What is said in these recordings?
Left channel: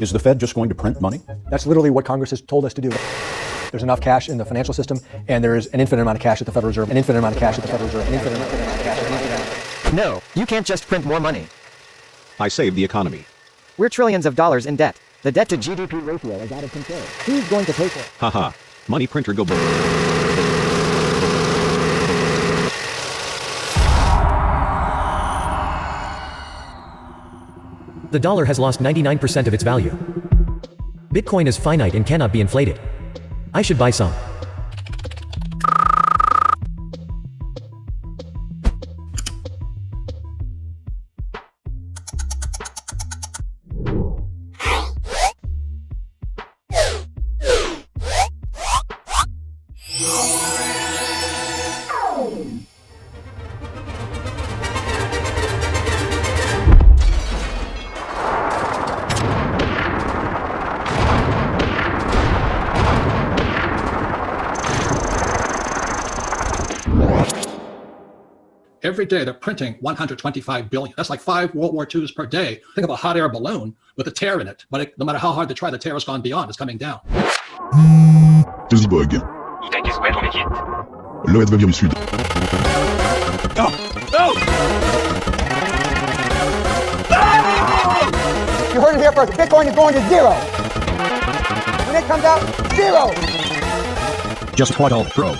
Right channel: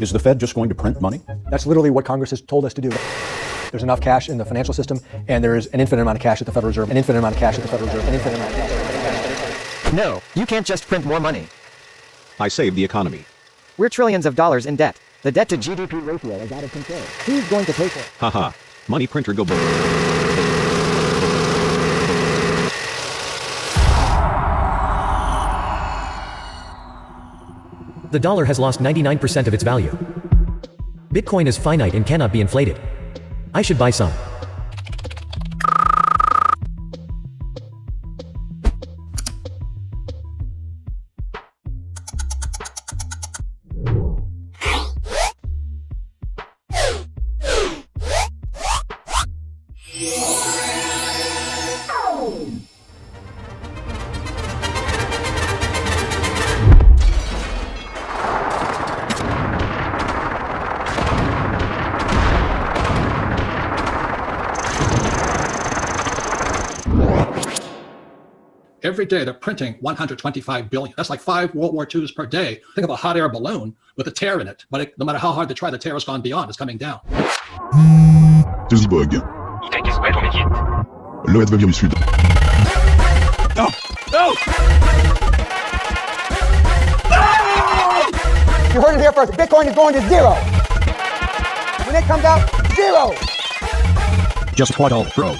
Is the Fed just going to print money? That's literally what Congress has told us to do. There's enough cash in the financial system, and there is an infinite amount of cash at the Federal Reserve, an infinite amount of cash at the Federal Reserve, an infinite amount of cash. No, you can't just print more money. I saved the economy. We're trillions of dollars in debt. The debt to GDP ratio is out of control. Who's going to pay for it? Haha. Money printer go boom. The dollar has lost 99% of its value. Bitcoin is finite and cannot be inflated. I should buy some. Every day they're printing 125 billion. That's like 5 World War IIs per day. Think of a hot air balloon with a tear in it. But no matter how hard they try, the tear has gone beyond. It's coming down. Dusbog. Le Vietnam Sud. Hold it there first. Bitcoin is going to zero. When it comes down, zero. Just huddle, throw.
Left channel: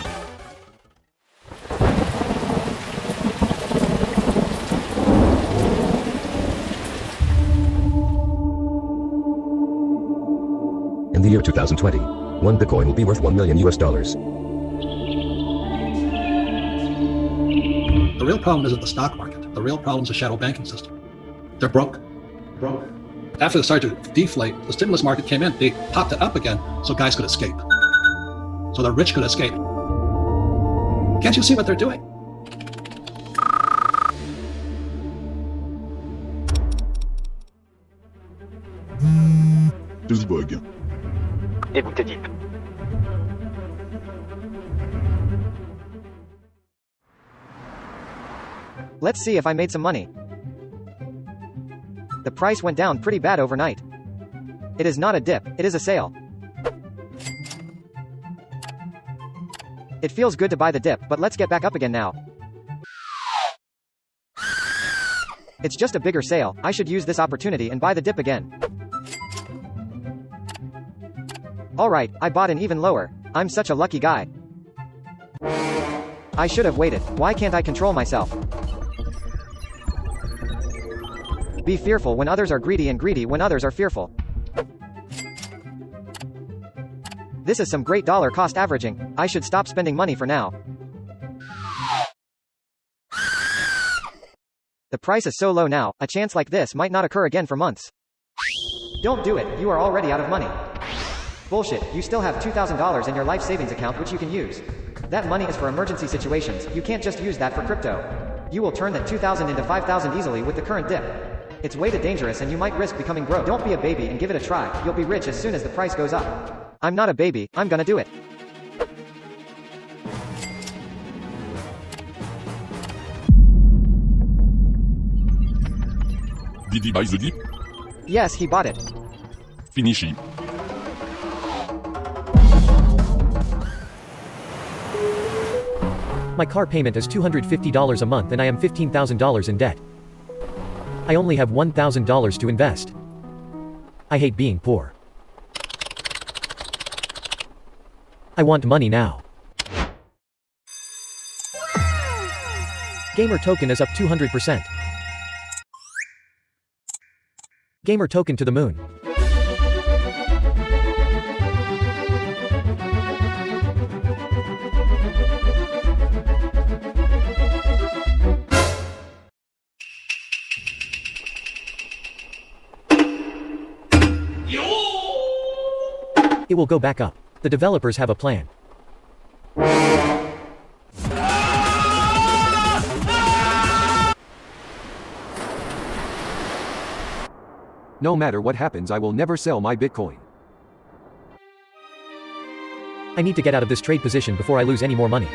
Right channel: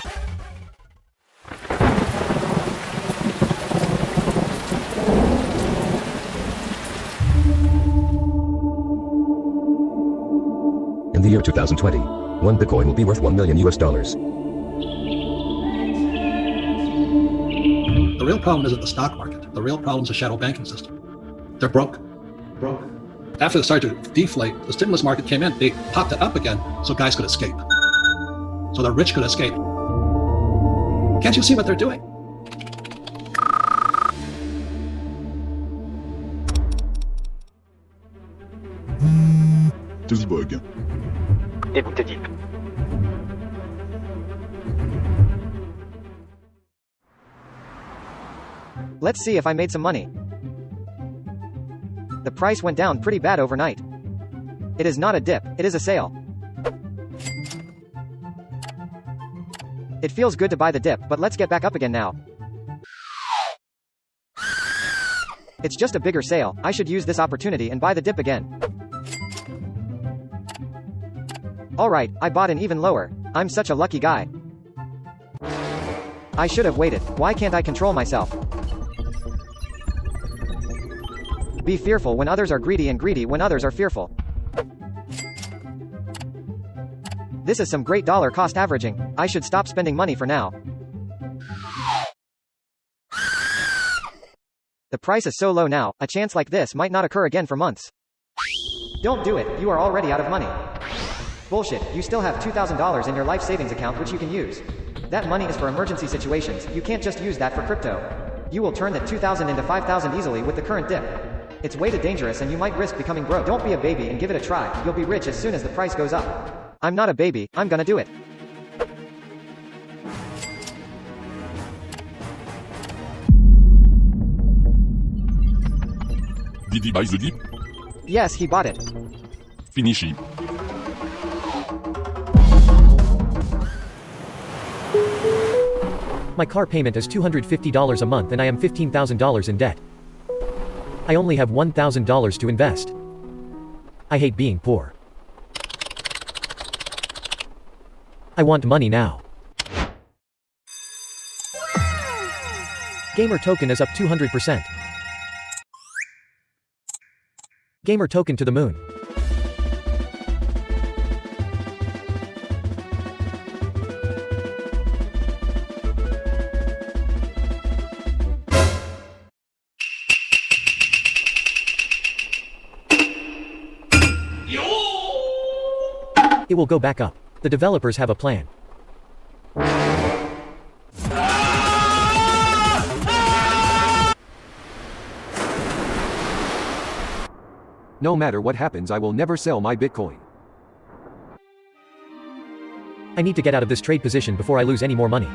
In the year 2020, one Bitcoin will be worth $1 million US. The real problem isn't the stock market. The real problem is the shadow banking system. They're broke. After they started to deflate, the stimulus market came in. They popped it up again so guys could escape. So the rich could escape. Can't you see what they're doing? Dusbog. Let's see if I made some money. The price went down pretty bad overnight. It is not a dip, it is a sale. It feels good to buy the dip, but let's get back up again now. It's just a bigger sale. I should use this opportunity and buy the dip again. Alright, I bought an even lower. I'm such a lucky guy. I should have waited. Why can't I control myself? Be fearful when others are greedy and greedy when others are fearful. This is some great dollar cost averaging. I should stop spending money for now. The price is so low now, a chance like this might not occur again for months. Don't do it, you are already out of money. Bullshit, you still have $2,000 in your life savings account which you can use. That money is for emergency situations, you can't just use that for crypto. You will turn that 2,000 into 5,000 easily with the current dip. It's way too dangerous and you might risk becoming broke. Don't be a baby and give it a try, you'll be rich as soon as the price goes up. I'm not a baby, I'm gonna do it. Did he buy the dip? Yes, he bought it. Finishing. My car payment is $250 a month and I am $15,000 in debt. I only have $1,000 to invest. I hate being poor. I want money now. Gamer token is up 200%. Gamer token to the moon. It will go back up. The developers have a plan. No matter what happens, I will never sell my Bitcoin. I need to get out of this trade position before I lose any more money.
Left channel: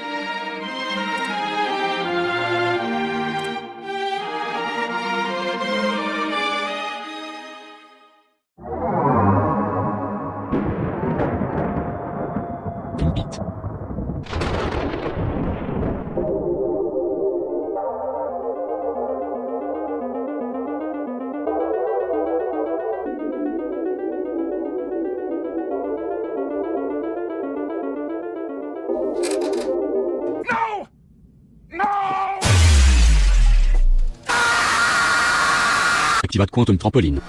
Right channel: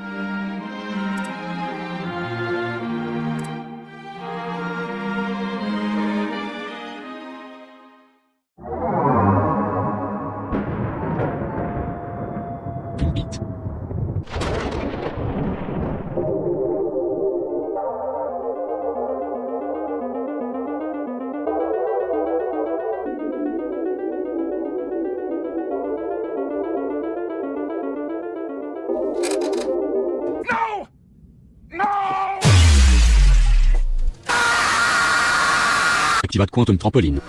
Activate Quantum Trampoline.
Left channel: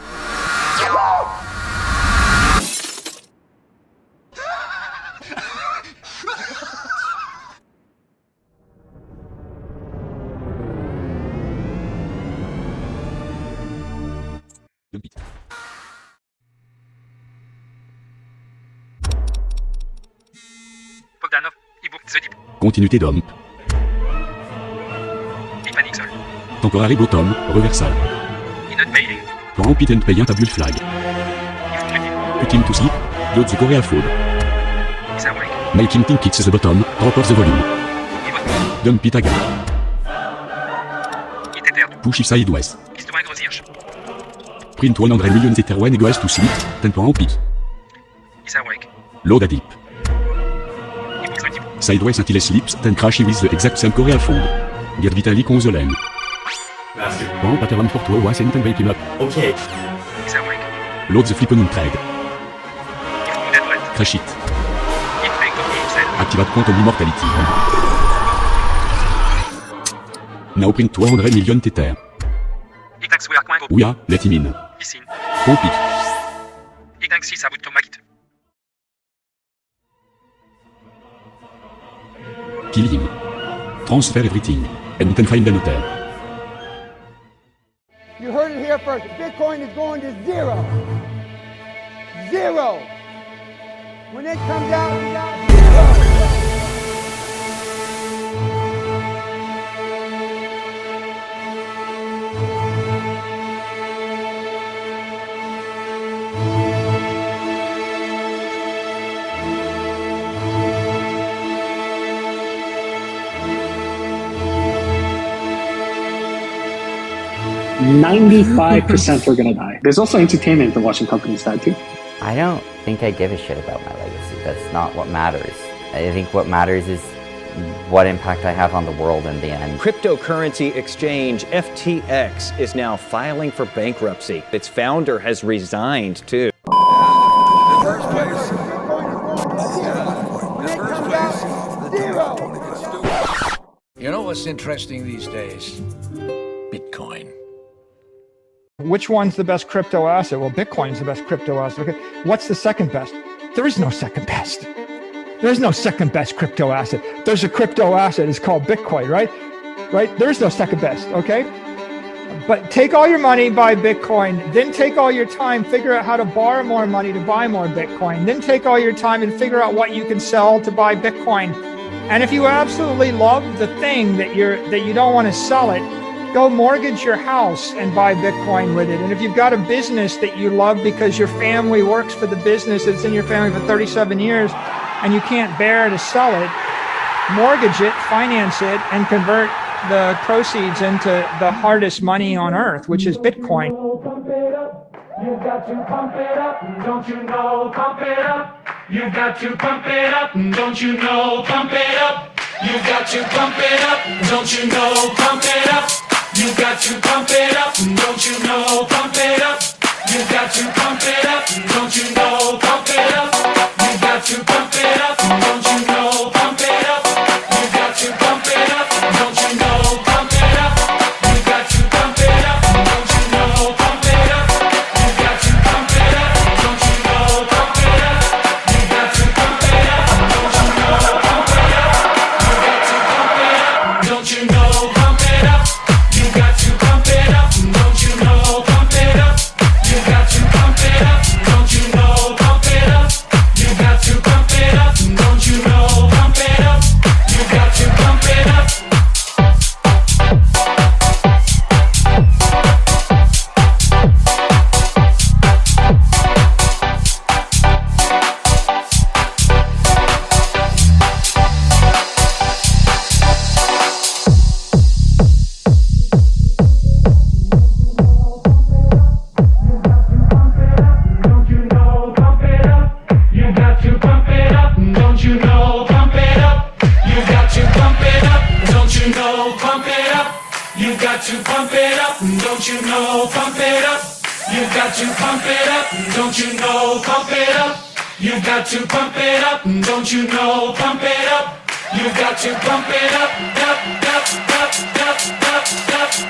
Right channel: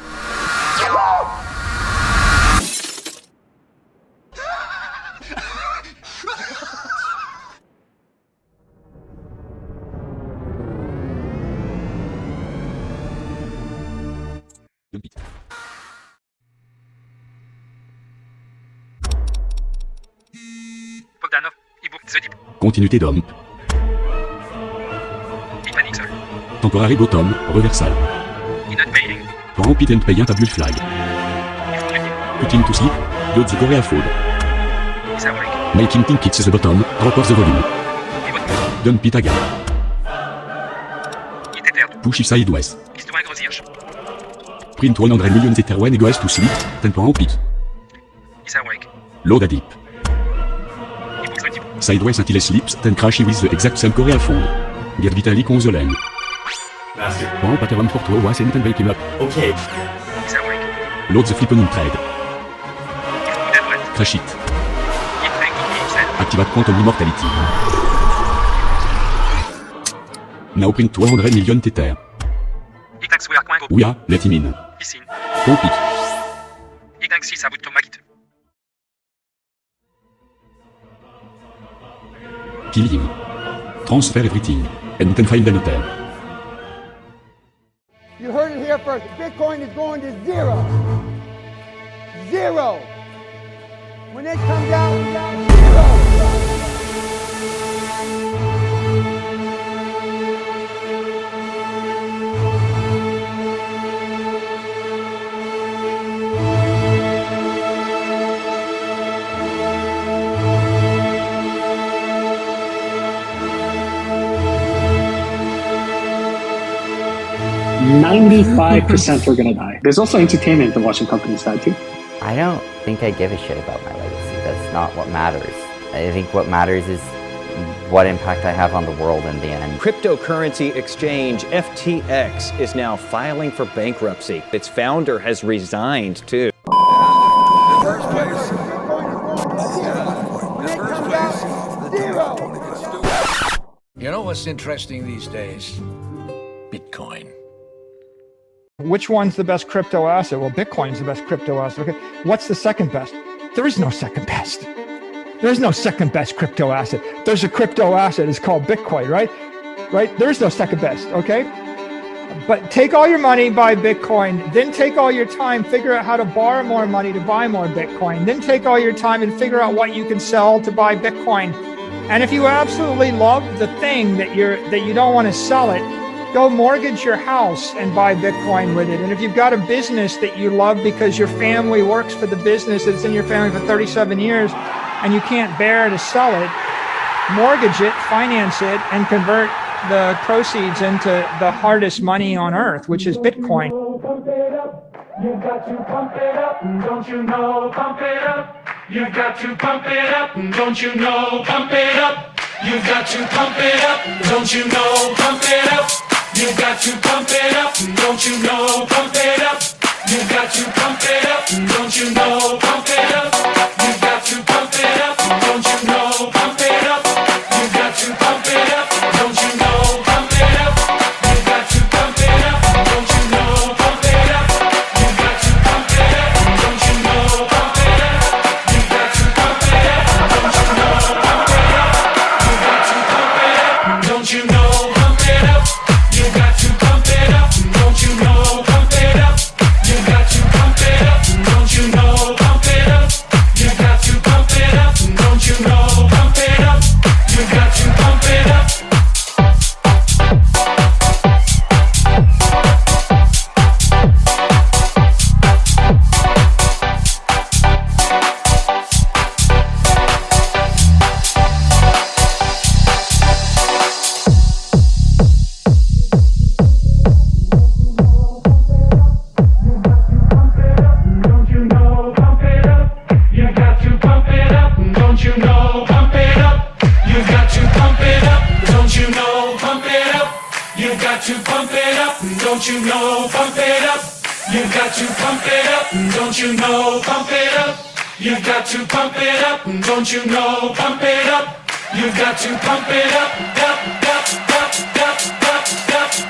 Continuité d'homme. Temporary bottom, reversal. Repeat and pay double flag. Putting to sleep, load the Korean food. Making think it's the bottom, drop off the volume. Dump it again. Push it sideways. Print 100 million Ether when goes to sleep, temporal repeat. Load a dip. Sideways until it sleeps, then crash with the exact same Korean food. Get Vitalik on the leg. One pattern for 12 months and then wake him up. Okay. Load the flipping trade. Crash it. Activate Quantum Immortality. Now print 200 million Tether. We are, let him in. Pump it. Kill him. Transfer everything, and you can find the letter. You heard it here first. Bitcoin is going to zero. Zero. When it comes out, zero. %95 are gonna die. There's also entertainment in watching companies die too. I don't think I give a shit about my legacy. That's not what matters. I think what matters is what impact I have on the world in the end. Cryptocurrency exchange FTX is now filing for bankruptcy. Its founder has resigned too. You know what's interesting these days? Bitcoin. Which one's the best crypto asset? Well, Bitcoin's the best crypto asset. Okay. What's the second best? There is no second best. There's no second best crypto asset. There's a crypto asset. It's called Bitcoin, right? Right? There's no second best. Okay. But take all your money, buy Bitcoin. Then take all your time, figure out how to borrow more money to buy more Bitcoin. Then take all your time and figure out what you can sell to buy Bitcoin. And if you absolutely love the thing that you don't want to sell it, go mortgage your house and buy Bitcoin with it. And if you've got a business that you love because your family works for the business that's in your family for 37 years and you can't bear to sell it, mortgage it, finance it, and convert the proceeds into the hardest money on earth, which is Bitcoin. You got to pump it up, don't you know? Pump it up. You got to pump it up, don't you know? Pump it up. You got to pump it up, don't you know? Pump it up. You got to pump it up, don't you know? Pump it up. You got to pump it up, don't you know? Pump it up. You got to pump it up, don't you know? Pump it up. You got to pump it up, don't you know? Pump it up. You got to pump it up, don't you know? Pump it up. You got to pump it up, don't you know? Pump it up. You got to pump it up, don't you know? Pump it up. You got to pump it up, don't you know? Pump it up. You got to pump it up, don't you know? Pump it up. You got to pump it up, don't you know? Pump it up. You got to pump it up, don't you know? Pump it up. You got to pump it up. Don't you know, pump it up. You got to pump it up, don't you know, pump it up. You got to pump it up, don't you know, pump it up. You got to pump it up, up, up, up, up, up, up.